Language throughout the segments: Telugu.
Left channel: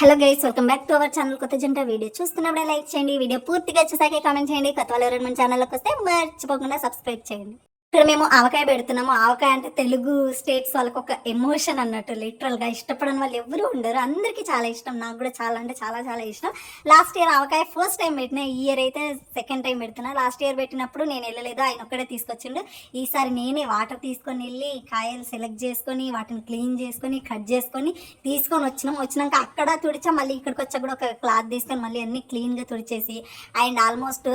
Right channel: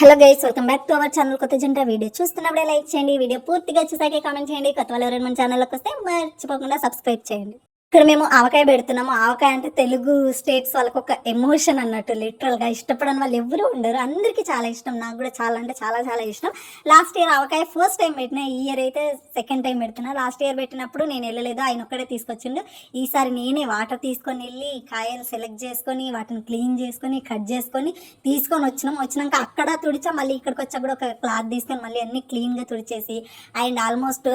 Hello guys welcome back to our channel కొత్త జంట వీడియో. చూస్తున్నప్పుడే లైక్ చేయండి వీడియో పూర్తిగా చూసాకే కామెంట్ చేయండి. కొత్త వాళ్ళు ఎవరైనా మన ఛానల్లోకి వస్తే మర్చిపోకుండా సబ్స్క్రైబ్ చేయండి. ఇక్కడ మేము ఆవకాయ పెడుతున్నాము. ఆవకాయ అంటే తెలుగు స్టేట్స్ వాళ్ళకి ఒక ఎమోషన్ అన్నట్టు లిటరల్గా ఇష్టపడని వాళ్ళు ఎవరు ఉండరు. అందరికీ చాలా ఇష్టం. నాకు కూడా చాలా అంటే చాలా చాలా ఇష్టం. Last year avakaya first time పెట్టిన ఈ ఇయర్ అయితే సెకండ్ టైం పెడుతున్నా. లాస్ట్ ఇయర్ పెట్టినప్పుడు నేను వెళ్ళలేదు. ఆయన ఒక్కడే తీసుకొచ్చిండు. ఈసారి నేనే వాటర్ తీసుకొని వెళ్ళి కాయలు సెలెక్ట్ చేసుకొని వాటిని క్లీన్ చేసుకొని కట్ చేసుకొని తీసుకొని వచ్చినాం. వచ్చినాక అక్కడ తుడిచా మళ్ళీ ఇక్కడికి వచ్చా కూడా ఒక క్లాత్ తీసుకొని మళ్ళీ అన్ని క్లీన్గా తుడిచేసి అండ్ ఆల్మోస్ట్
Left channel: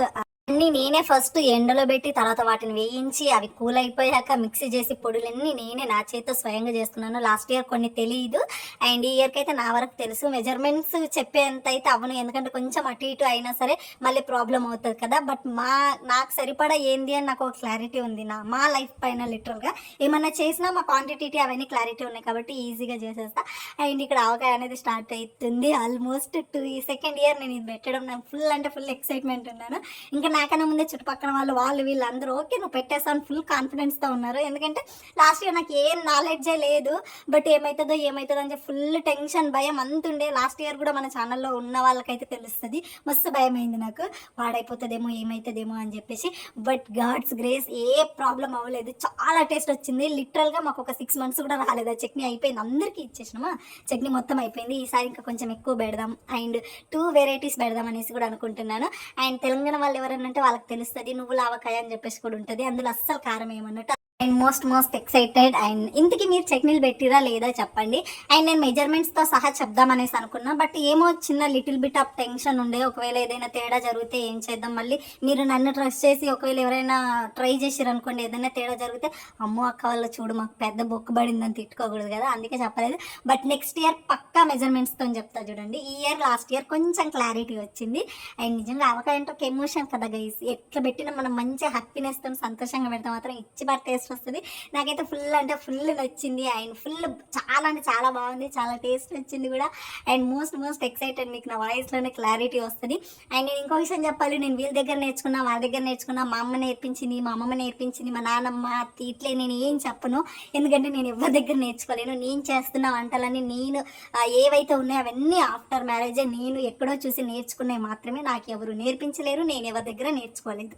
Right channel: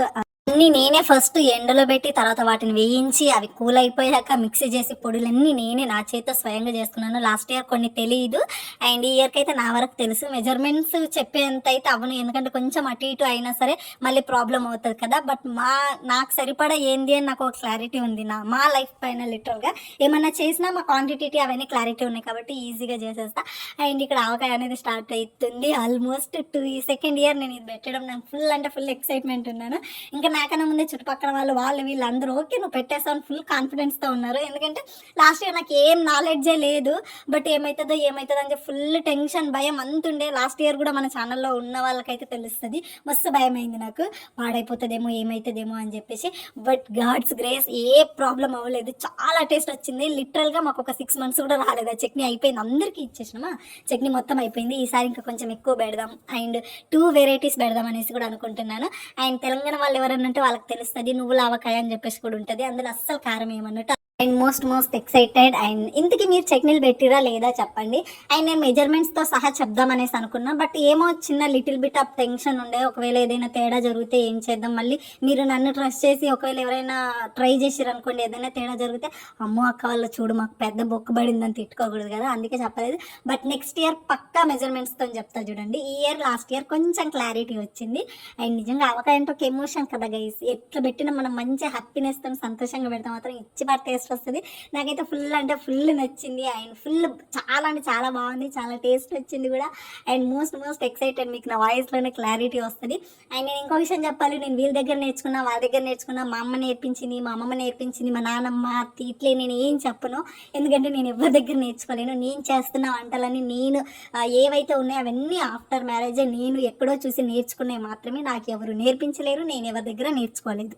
అన్ని నేనే ఫస్ట్ ఎండలో పెట్టి తర్వాత వాటిని వేయించి అవి కూల్ అయిపోయాక మిక్సీ చేసి పొడులన్నీ నేనే నా చేతితో స్వయంగా చేసుకున్నాను లాస్ట్ ఇయర్ కొన్ని తెలియదు అండ్ ఈ ఇయర్కి అయితే నా వరకు తెలుసు. మెజర్మెంట్స్ చెప్పేంత అయితే అవును ఎందుకంటే కొంచెం అటు ఇటు అయినా సరే మళ్ళీ ప్రాబ్లం అవుతుంది కదా. బట్ మా నాకు సరిపడా ఏంది అని నాకు ఒక క్లారిటీ ఉంది. నా మా లైఫ్ పైన లిటరల్గా ఏమన్నా చేసినా మా క్వాంటిటీ అవన్నీ క్లారిటీ ఉన్నాయి కాబట్టి ఈజీగా చేసేస్తా. అండ్ ఇక్కడ ఆవకాయ అనేది స్టార్ట్ అవుతుంది. ఆల్మోస్ట్ టూ సెకండ్ ఇయర్ నేను ఇది పెట్టడం. నాకు ఫుల్ అంటే ఫుల్ ఎక్సైట్మెంట్ ఉన్నాను. ఇంకా నాకన్నా ముందే చుట్టుపక్కల వాళ్ళు వాళ్ళు వీళ్ళందరూ ఓకే నువ్వు పెట్టేస్తాను ఫుల్ కాన్ఫిడెన్స్తో ఉన్నారు. ఎందుకంటే లాస్ట్ ఇయర్ నాకు ఏం నాలెడ్జే లేదు. బట్ ఏమవుతుందో ఏమవుతుందో అని చెప్పి ఫుల్ టెన్షన్ భయం అంత ఉండే. లాస్ట్ ఇయర్ కూడా మన ఛానల్లో ఉన్న వాళ్ళకైతే తెలుస్తుంది. మస్తు భయం అయింది నాకు. పాడైపోతుందేమో ఏమవుతుందేమో అని చెప్పేసి. But God's grace a problem అవ్వలేదు. చాలా టేస్ట్ వచ్చింది. లిటరల్గా మాకు ఒక సిక్స్ మంత్స్ కూడా రాలేదు. ఆ చట్నీ అయిపోయింది. అందరికీ ఇచ్చేసినామా? చట్నీ మొత్తం అయిపోయింది. ఈసారి ఇంకా కొంచెం ఎక్కువ పెడదాం. అండ్ టూ వెరైటీస్ పెడదాం అనేసి కూడా అనుకుంటున్నాను. అండ్ తెలంగాణ వాళ్ళు ఎవరైనా అంటే వాళ్ళకి తెలుస్తుంది నువ్వు లావకాయ అని చెప్పేసి కూడా ఉంటుంది. అందులో అస్సలు కారం ఏమన్నట్టు and most most excited and ఇంతకీ మీరు చెక్నీలు పెట్టిరా లేదా చెప్పండి. అండ్ నేను మెజర్మెంట్స్తో సహా చెప్దాం అనేసి అనుకున్నా బట్ ఏమో చిన్న లిటిల్ బిట్ ఆఫ్ టెన్షన్ ఉండే. ఒకవేళ ఏదైనా తేడా జరిగితే ఏం చేద్దాం? మళ్ళీ మీరు నన్ను ట్రస్ట్ చేసి ఒకవేళ ఎవరైనా ట్రై చేసారు అనుకోండి ఏదైనా తేడా జరిగితే అమ్మో అక్క వాళ్ళు చూడు మాకు పెద్ద బొక్కు పడిందని తిట్టుకోకూడదు కదా అందుకే చెప్పలేదు. బట్ నెక్స్ట్ ఇయర్ పక్కా మెజర్మెంట్స్తో చెప్తా చూడండి. ఈ ఇయర్ లాస్ట్ ఇయర్ కొంచెం క్లారిటీ వచ్చింది. అండ్ నిజంగా అవకాశం ఒక ఎమోషన్ కదా గైస్ ఎట్లా పెట్టినా మనం మంచి హ్యాపీనెస్తో సంతోషంగా పెడితే మాత్రం ఇచ్చి పడితే వస్తుంది. నాకైతే ఫుల్ అంటే ఫుల్ నచ్చింది. అండ్ ఫుల్ చాలా అంటే చాలా బాగుంది. చాలా టేస్ట్ వచ్చింది కూడా. అండ్ మోస్ట్ మోస్ట్ ఎక్సైటెడ్ మీకు నా వాయిస్లోనే క్లారిటీ వస్తుంది. అండ్ నేను ఇంకో విషయం చెప్పాలి. నేను వీళ్ళ దగ్గర నేర్చుకున్నా వాళ్ళ దగ్గర నేర్చుకున్నా మా అమ్మ నేర్పించింది మా అమ్మమ్మ నేర్పించింది మా నాన్నమ్మ అత్తి ఇట్లే నేను ఏం చెప్పను. ఎందుకంటే నేను ఎవరి దగ్గర నేర్చుకోలేను. నేను చేస్తున్న వంటలన్నీ నేను ఏవైతే ఉన్నాయో అవన్నీ ఆఫ్టర్ మ్యారేజే నేను ఎక్కడో చూసి నేర్చుకునే మాత్రమే. నాకు ఎవరు నేర్పించలేరు. నేను ఎవరి దగ్గర నేర్చుకోలేదు.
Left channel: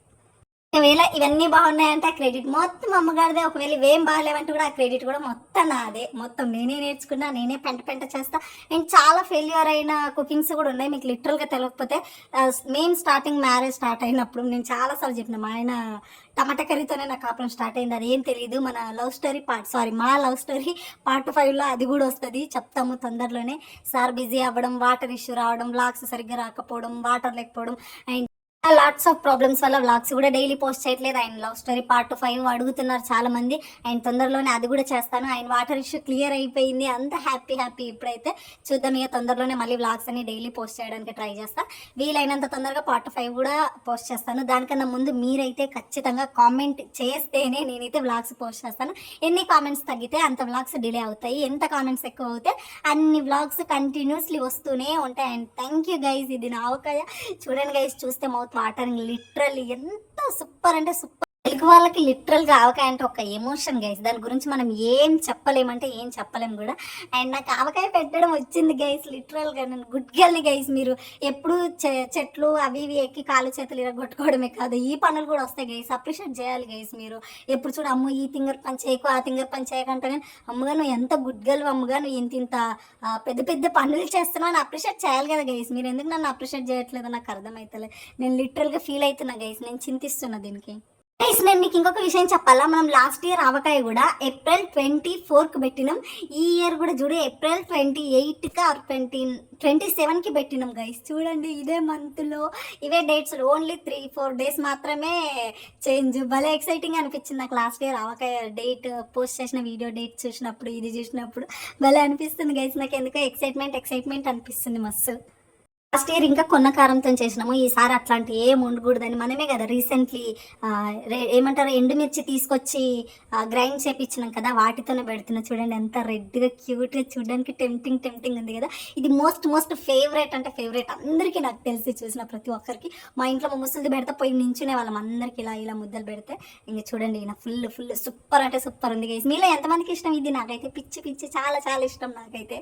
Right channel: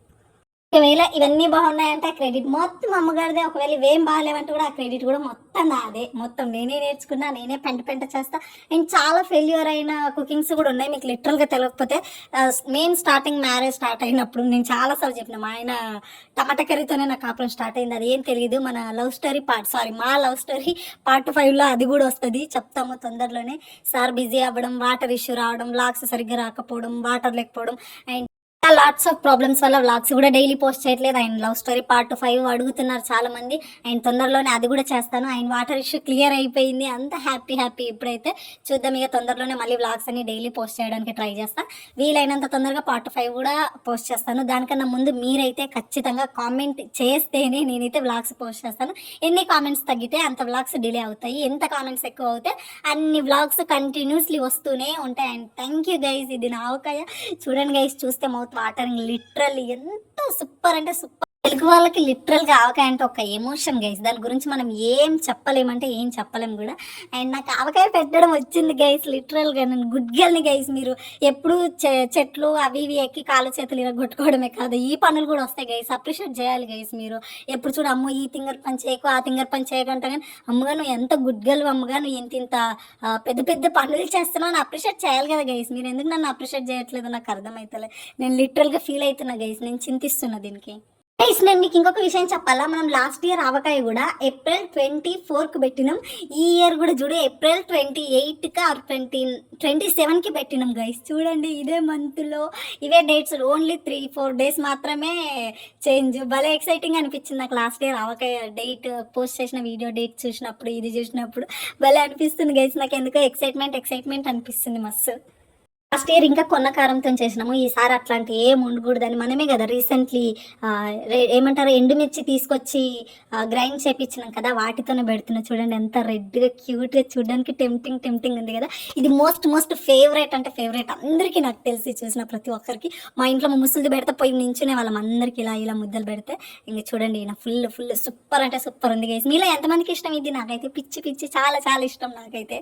ఒకవేళ ఇవన్నీ బాగున్నాయంటే ఆ క్రెడిట్ మొత్తం అమ్మగారిదే. ఒకవేళ ఇవేం బాగాలేవంటే కూడా ఆ క్రెడిట్ కూడా మొత్తం నాదే. మొత్తం నేనే నేర్చుకున్నా నేనే పెంట పెంట చేస్తా. అండ్ చాలా ఫెయిల్యూర్ అయిన కుకింగ్స్ కూడా ఉన్నాయి. మీకు లిటరల్గా తెలియకపోతే మెయిన్ స్టార్టింగ్ మ్యారేజ్ స్టార్ట్ అయినప్పుడు నేను చాలాసార్లు చెప్పిన మా ఆయన టమాటా కర్రీతోనే నా కాపురం స్టార్ట్ అయింది. అది ఏం తెలియదు. మన లవ్ స్టోరీ పార్ట్ సారీ మా లవ్ స్టోరీ పార్ట్ ఫైవ్లో అది కూడా వస్తుంది. చెప్తాము తొందరలోనే. సార్ బిజీ అవ్వడం వాటర్ ఇష్యూ రావడం లాక్స్ సరిగ్గా రాకపోవడం వాటర్ లేకపోవడం. అండ్ లాట్స్ ఆఫ్ ప్రాబ్లమ్స్ వల్ల వ్లాగ్స్ కూడా డైలీ పోస్ట్ చేయట్లేదు. ఆయన లవ్ స్టోరీ పార్ట్ ఫైవ్ అడుగుతున్నారు చాలా మంది ఆయన తొందరలోనే అది కూడా చేస్తాను. ఆయన వాటర్ ఇష్యూ క్లియర్ అయిపోయింది. అంత హ్యాపీ హ్యాపీ ఇప్పుడైతే. చూద్దాం ఇక తొందరలోనే మళ్ళీ వ్లాగ్స్ అన్ని డైలీ పోస్ట్ చేయడానికి ట్రై చేస్తాను వీలైనంత తొందరగా పార్ట్ ఫైవ్ కూడా పోస్ట్ చేస్తాను. దానికన్నా ముందు మీరైతే ఖచ్చితంగా కామెంట్ చేస్తేనే నేనైతే వ్లాగ్స్ పోస్ట్ చేస్తాను. ఎన్ని కామెంట్స్ తగ్గితే అంత వ్లాగ్స్ డిలే అవుతాయి. ఎంత కామెంట్స్ ఎక్కువ అవుతే అన్ని వ్లాగ్స్ కంటిన్యూస్లీ వస్తూనే ఉంటాయి. అండ్ థ్యాంక్ యూ గైజ్ ఇది నా అవకాయ చూడండి గైస్ చూస్తే మౌత్ వాటరింగ్ లిటరల్లీ ఎంత సూపర్ అంటే సూపర్ తెలుగు వాళ్ళకి లిటరల్గా ఆవకాయ అంటే ఒక ఎమోషన్ గైస్ దాని గురించి మనం ఏం చెప్పలేమంటే ఏం చెప్పలేం కూడా. అండ్ నాకు ఆవకాయ పెట్టడం వచ్చింది గైస్ లిటరల్గా నేను గుడ్ గర్ల్ని గైస్ మీరు ఎప్పుడు చె- చెట్లు అవి ఇవి ఎక్కి కాలు చేతులు ఇలా కొట్టుకోవడమే కాదు ఈ పనులు కూడా వస్తాయి గైస్ అప్రిషియేట్ చేయాలి గైస్ మీరు. ఎప్పుడు చూడు అమ్మ ఈ తింగర్ పని చేయకు ఆ తింగర్ పని చేయకంటే కానీ అమ్మగా నువ్వు ఎంత గుడ్ గర్ల్ అమ్మగా నువ్వు ఇంత ఇంత పెద్ద పెద్ద పనులు చేస్తున్నావు అని అప్రిషియేట్ చేయాలి కదా గైస్ మీరు ఎందుకు నన్ను అప్రిషియేట్ చేయట్లేదు? నాకు అర్థమవుతలే నేను లిటరల్గా ఫీల్ అవుతున్నా గైస్ నేను చింతిస్తున్నా దీనికి. గైస్ నేను మీకు ఇంకొక విషయం చెప్పాలా? మనం లాస్ట్ ఇయర్ ఆవకాయ కూడా ఏప్రిల్ ట్వంటీ ఫోర్కి పెట్టినాం. ఈ ఇయర్ కూడా చూడు ఏప్రిల్ ట్వంటీ ఎయిట్కి ఆర్ ట్వంటీ ట్వంటీ సెవెన్కి పెట్టినాం గైస్ చూడండి ఇదే మంత్లో ఇవే dates only three four days మాత్రమే చేంజ్ భలే ఎక్సైటింగ్ అనిపించింది నాకు last year avakaya date post చేసిన వీడియో డేట్ చూసినప్పుడు ఇది చూసినప్పుడు. భలే అనిపిస్తుంది గైస్ నాకు ఎందుకో ఎక్సైట్మెంట్ ఎక్సైట్మెంట్ అనిపిస్తుంది మస్తు. లాస్ట్ ఇయర్ ఇంకా కొన్న కారంతో చేసినాము. ఈసారి అట్లాంటి ఏం ఉండకూడదని మనమే కదా రీసెంట్లీ ఏమంటారు ఎండుమిర్చి తీసుకొచ్చి గ్రైండ్ చేపించినాం కదా వాటితోనే పెడుతున్నా. చూడండి ఎంత రెడ్గా క్యూట్గా చూడడానికి టెంప్టింగ్ టెంప్టింగ్ ఉంది కదా. ఇది మోస్ట్ మోస్ట్ ఫేవరెట్ అంటే ఫేవరెట్ అందరికీ నాకు తెలిసి చూసిన ప్రతి ఒక్కరికి మా ఇంట్లో మా ముసలిది పెడితే పోయి నించునే వాళ్ళం. అందరికి ఇలా ఇలా ముద్దలు పెడితే ఇంక చూడండి ఈయన ఫుల్ ఫుల్ సూపర్ అంటే సూపర్ ఉంది గైస్ మీలో ఎంతమందికి ఇష్టం ఇది? నాకైతే పిచ్చి పిచ్చి చాలా చాలా ఇష్టం నాకైతే.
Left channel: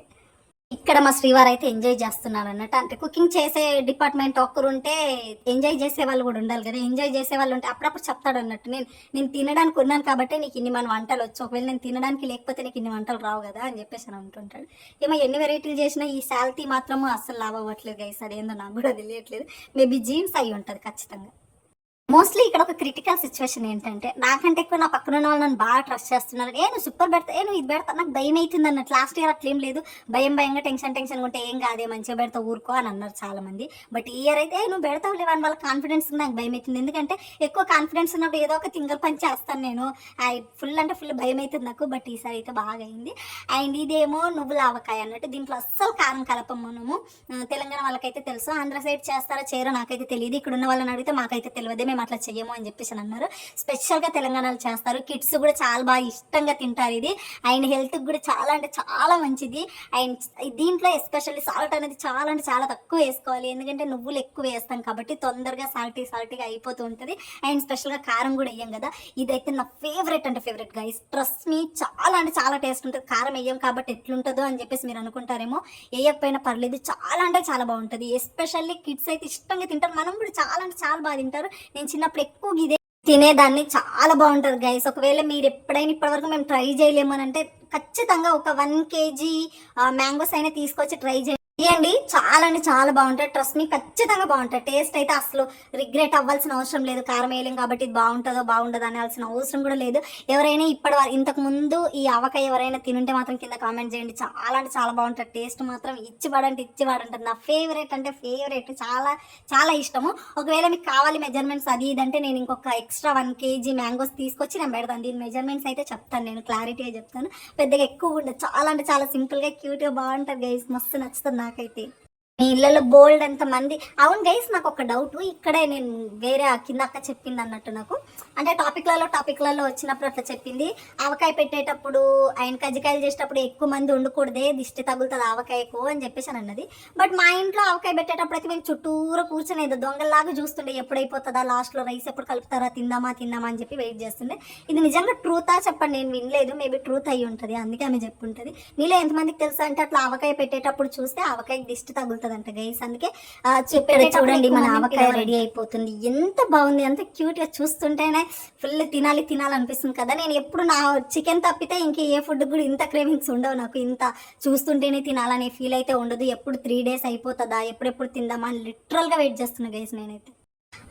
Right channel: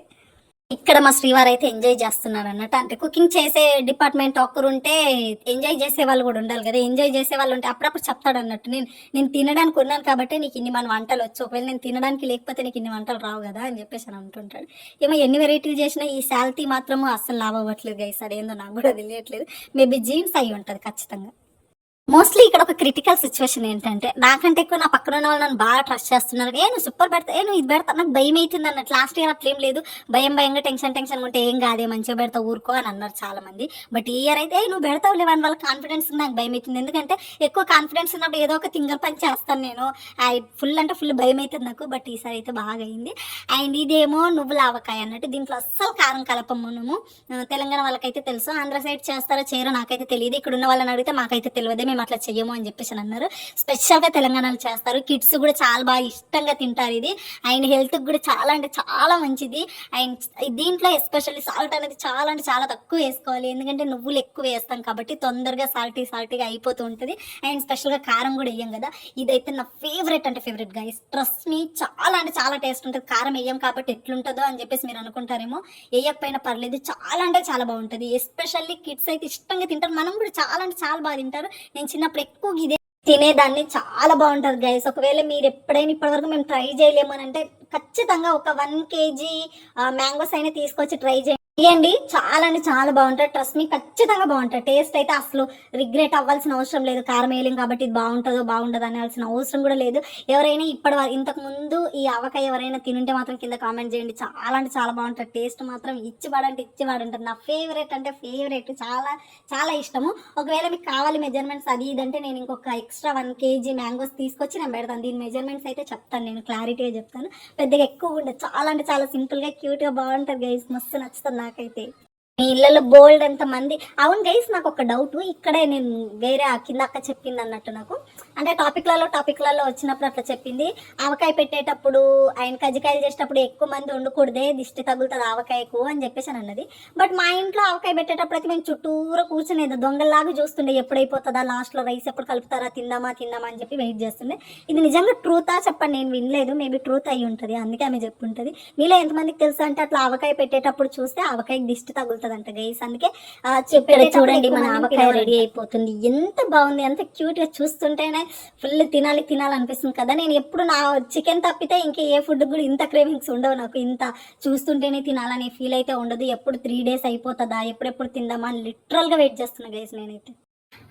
ఇక్కడ మా శ్రీవారు అయితే ఎంజాయ్ చేస్తున్నారు అన్నట్టు అంటే కుకింగ్ చేసే డిపార్ట్మెంట్ ఒక్కరు ఉంటే ఎంజాయ్ చేసే వాళ్ళు కూడా ఉండాలి కదా. ఎంజాయ్ చేసే వాళ్ళు ఉంటే అప్పుడప్పుడు చెప్తాడు అన్నట్టు నేను నేను తినడానికి ఉన్నాను కాబట్టి నీకు ఇన్ని మన వంటలు వచ్చు. ఒకవేళ నేను తినడానికి లేకపోతే నీకు ఇన్ని వంటలు రావు కదా అని చెప్పేసి అని అంటుంటాడు. ఏమో ఎన్ని వెరైటీలు చేసినా ఈ శాలరీ మాత్రము అస్సలు లాభ అవ్వట్లేదు గైస్ అదేందో నాకు కూడా తెలియట్లేదు. మేబీ జీన్స్ అయి ఉంటుంది ఖచ్చితంగా. మోస్ట్లీ ఇక్కడ ఒక క్రిటికల్ సిచ్యువేషన్ ఏంటంటే నాకంటే ఎక్కువ నా పక్కన ఉన్న వాళ్ళు నన్ను బాగా ట్రస్ట్ చేస్తున్నారు. ఏ నువ్వు సూపర్ పెడతా ఏ నువ్వు ఇది పెడతా నాకు భయం అవుతుంది అన్నట్టు. లాస్ట్ ఇయర్ అట్లా ఏం లేదు. భయం భయంగా టెన్షన్ టెన్షన్ ఉంటే ఏం కాదే మంచిగా పెడతా ఊరుకో అని అన్నారు చాలా మంది బట్ ఈ ఇయర్ అయితే నువ్వు పెడతావు లేవని వాళ్ళ కాన్ఫిడెన్స్ నాకు భయం అవుతుంది. ఎందుకంటే ఎక్కువ కాన్ఫిడెన్స్ ఉన్నప్పుడు ఏదో ఒక తింగర్ పని చేస్తాను నేను. ఫుల్ అంటే ఫుల్ భయం అవుతుంది నాకు బట్ ఈసారి అయితే బాగా అయింది. అండ్ ఇదేమో నువ్వుల ఆవకాయ అన్నట్టు. దీంట్లో అస్సలు కారం కలపము మనము తెలంగాణ వాళ్ళకైతే తెలుసు. ఆంధ్ర సైడ్ చేస్తారో చేయరో నాకైతే తెలియదు. ఇక్కడ ఉన్న వాళ్ళని అడిగితే మాకైతే తెలియదు. మేము అట్లా చెయ్యము అని చెప్పేసి అన్నారు. స్పెషల్గా తెలంగాణలో చేస్తారు. కిడ్స్ కూడా చాలా బాగా ఇష్టంగా తింటారు ఇది. అండ్ హెల్త్కి కూడా చాలా అంటే చాలా మంచిది. అండ్ దీంట్లో ఎస్పెషల్లీ సాల్ట్ అనేది చాలా అంటే చాలా తక్కువ వేసుకోవాలి. ఎందుకంటే నువ్వులు ఎక్కువ వేస్తాం కాబట్టి తొందరగా సాల్టీ సాల్టీగా అయిపోతూ ఉంటుంది. అండ్ స్పెషల్గా కారం కూడా వేయం కదా. ఇదైతే నా ఫేవరెట్ అంటే ఫేవరెట్గా ట్రస్ట్ మీ చాలా అంటే చాలా టేస్ట్ ఉంటుంది. కారం వేయం కాబట్టి ఎట్లుంటుందో అని చెప్పేసి మీరు అనుకుంటారేమో. వేయకపోయినా పర్లేదు. చాలా అంటే చాలా బాగుంటుంది. ఎస్పెషల్లీ కిడ్స్ అయితే ఇష్టంగా తింటారు. మనం కూడా చాలా అంటే చాలా బాగా తింటారు. నేను చిన్నప్పుడు ఎక్కువ ఇదే తినేదాన్ని. చాలా బాగుంటుంది గైస్ ఒకవేళ మీరు ఎప్పుడైనా ఇప్పటివరకు మేము ట్రై చేయలేము అని అంటే ఖచ్చితంగా ఒక వన్ కేజీ మ్యాంగోస్ అయినా తీసుకొచ్చి ట్రై చేయండి. ఇవ్వండి చాలా అంటే చాలా బాగుంటుంది ట్రస్ట్ మీ ఖచ్చితంగా బాగుంటుంది టేస్ట్ అయితే అసలు రిగ్రెట్ అవ్వాల్సిన అవసరం లేదు. కారం వేయలేం కాబట్టి ఇది బాగుంటుందో బాగుండదు అనాల్సిన అవసరం కూడా లేదు. ఎవరైనా ఇప్పటి ఇంతకు ముందు ఈ అవక ఎవరైనా తినుంటే మాత్రం కింద కామెంట్ చేయండి. చాలా అంటే చాలా బాగుంటుంది టేస్ట్ మాత్రం ఇచ్చి పడంటే ఇచ్చి నా ఫేవరెట్ అంటే ఫేవరెట్ చాలా చాలా ఇష్టము. ఒకవేళ మీకు కావాలి మెజర్మెంట్స్ అది ఇదంటే నేను ఇంకొక ఎక్స్ట్రా వన్ కేజీ మ్యాంగోస్ తీసుకొచ్చి నేను పెడతాను. దీని మెజర్మెంట్స్ అయితే చెప్తాను. నేను క్లారిటీగా చెప్తాను. పెద్దగా ఎక్కువ ఉండదు. చాలా అంటే చాలా సింపుల్గా క్యూట్గా బాగుంటుంది గైస్ మస్తు నచ్చుతుంది నాకైతే. మీ ఇళ్ళలో బోల్డ్ ఎంత మంది అవును గైస్ నాకు ఒక డౌట్ ఇక్కడే నేను వేరే ఆ కింద అక్క చెప్పింది అన్నట్టు నాకు. అంటే టాపిక్లలో టాపిక్లలో వచ్చినప్పుడు అట్లా చెప్పింది. ఆవకాయ పెట్టేటప్పుడు ఆయన కజ్జికాయలు చేసేటప్పుడు ఎక్కువ మంది ఉండకూడదే దిష్టి తగులుతుంది ఆవకాయకు అని చెప్పేసి అని అన్నది. బట్ మా ఇంట్లో ఆవకాయ పెట్టేటప్పుడు అయితే మేము చుట్టూరా కూర్చునేది దొంగల్లాగా చూస్తుండే ఎప్పుడైపోతుందా లాస్ట్లో రైస్ ఎప్పుడు కలుపుతారా తిందామా తిందామా అని చెప్పి వెయిట్ చేస్తుండే. ఇది నిజంగా ట్రూతా చెప్పండి నేను వినలేదు మేబీ ట్రూత్ అయి ఉంటుంది అందుకే ఆమె చెప్పుంటుంది. మీలో ఎంతమందికి తెలుసా అంటే అట్లా ఆవకాయ పెట్టేటప్పుడు చూస్తే ఆవకాయకి దిష్టి తగులుతుంది అంట గైస్ అందుకే చెప్పాడు చూడండి మన ఆవకాయ రెడీ అయిపోతుంది. ఎంత బాగుంది అంత క్యూట్గా చూస్తుంటేనే ఫుల్ తినాలి తినాలనిపిస్తుంది కదా. నేను ఎప్పుడు నా చికెన్ తప్పితే ఇంక ఏ ఫుడ్ కూడా ఇంత క్రేవింగ్స్ ఉండవు నాకు. ఇంత చూస్తుంటేనే తినాలనే ఫీల్ అయితే ఉండదు. ఎప్పుడు త్రీ డేస్ అయిపోతుందా? ఎప్పుడెప్పుడు తిందామా అని లిటరల్గా వెయిట్ చేస్తున్నా గైస్ నేనైతే.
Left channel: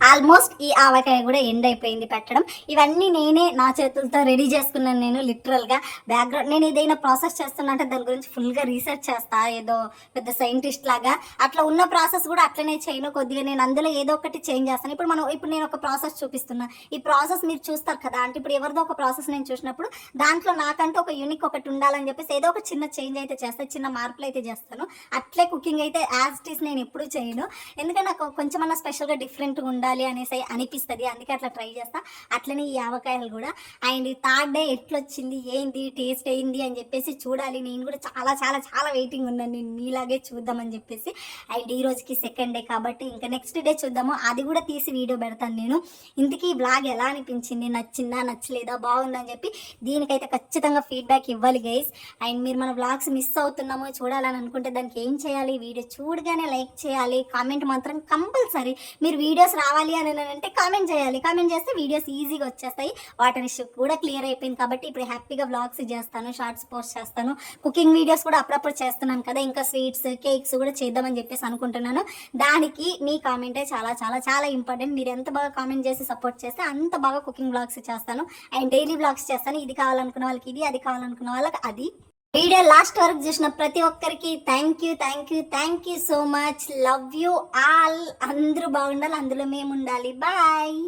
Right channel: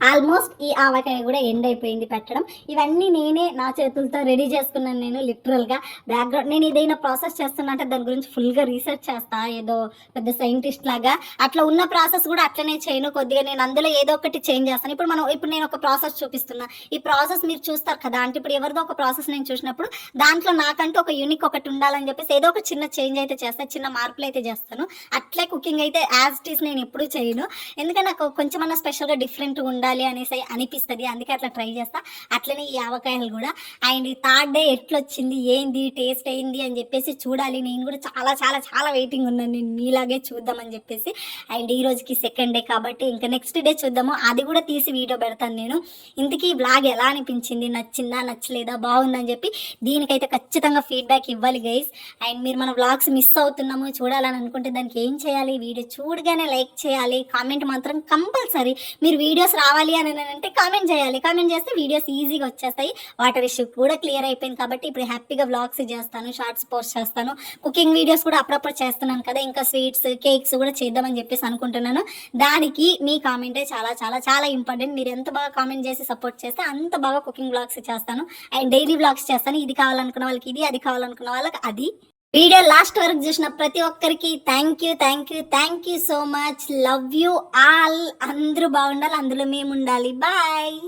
ఆల్మోస్ట్ ఈ ఆవకాయ కూడా ఎండ్ అయిపోయింది పెట్టడం. ఇవన్నీ నేనే నా చేతులతో రెడీ చేసుకున్నాను నేను లిటరల్గా బ్యాక్గ్రౌండ్ నేను ఏదైనా ప్రాసెస్ చేస్తున్నట్టే దాని గురించి ఫుల్గా రీసెర్చ్ చేస్తా ఏదో పెద్ద సైంటిస్ట్ లాగా. అట్లా ఉన్న ప్రాసెస్ కూడా అట్లనే చేయను కొద్దిగా. నేను అందులో ఏదో ఒకటి చేంజ్ చేస్తాను. ఇప్పుడు మనం ఇప్పుడు నేను ఒక ప్రాసెస్ చూపిస్తున్నా. ఈ ప్రాసెస్ మీరు చూస్తారు కదా అంటే ఇప్పుడు ఎవరిదో ఒక ప్రాసెస్ నేను చూసినప్పుడు దాంట్లో నాకంటూ ఒక యూనిక్ ఒకటి ఉండాలని చెప్పేసి ఏదో ఒక చిన్న చేంజ్ అయితే చేస్తాను చిన్న మార్పులు అయితే చేస్తాను. అట్లే కుకింగ్ అయితే యాజ్ ఇట్ ఈస్ నేను ఎప్పుడూ చేయను. ఎందుకంటే నాకు కొంచెమన్నా స్పెషల్గా డిఫరెంట్ ఉండాలి అనేసి అనిపిస్తుంది. అందుకే అట్లా ట్రై చేస్తా. అట్లనే ఈ ఆవకాయలు కూడా. అండ్ ఈ థర్డ్ డే ఎట్లొచ్చింది? ఏంది? టేస్ట్ అయింది అని చెప్పేసి చూడాలి. నేను కూడా చాలా చాలా చాలా వెయిటింగ్ ఉన్నాను. నేను మీలాగే చూద్దామని చెప్పేసి. అండ్ ఈ రోజుకి సెకండ్ డే కాబట్టి ఇంకా నెక్స్ట్ డే చూద్దాము. అది కూడా తీసి వీడియో పెడతాను నేను. ఇంతకీ ఈ బ్లాగ్ ఎలా అనిపించింది? నచ్చిందా? నచ్చలేదా? బాగుందని చెప్పి దీనికైతే ఖచ్చితంగా ఫీడ్బ్యాక్ ఇవ్వాలి గైస్ అండ్ మీరు మన బ్లాగ్స్ మిస్ అవుతున్నాము చూడాలని అనుకుంటే దానికి ఏం చేయాలి? వీడియో చూడగానే లైక్ చేయాలి. కామెంట్ మాత్రం కంపల్సరీ మీరు వీడియోస్ రావాలి అని అంటే కామెంట్ చేయాలి. కామెంట్ చేస్తే వీడియోస్ ఈజీగా వచ్చేస్తాయి. వాటర్ ఇష్యూ కూడా క్లియర్ అయిపోయింది కాబట్టి ఇప్పుడు హ్యాపీగా వ్లాగ్స్ చేస్తాను షార్ట్స్ పోస్ట్ చేస్తాను. కుకింగ్ వీడియోస్ కూడా అప్పుడప్పుడు చేస్తున్నాను కదా ఇంకా స్వీట్స్ కేక్స్ కూడా చేద్దామని చెప్పేసి అనుకుంటున్నాను. దానికి మీ కామెంటే చాలా చాలా చాలా ఇంపార్టెంట్ మీరు ఎంత బాగా కామెంట్ చేసి సపోర్ట్ చేస్తే అంత బాగా కుకింగ్ బ్లాగ్స్ చేస్తాను. అండ్ డైలీ బ్లాగ్స్ చేస్తాను. ఇది కావాలనుకున్న వాళ్ళకి ఇది అది కావాలనుకున్న వాళ్ళకి అది. వీడియో లాస్ట్ వరకు చూసిన ప్రతి ఒక్కరికి thank you thank you thank you so much love you all అందరూ బాగుండాలి అందులో మేము ఉండాలి. బాయ్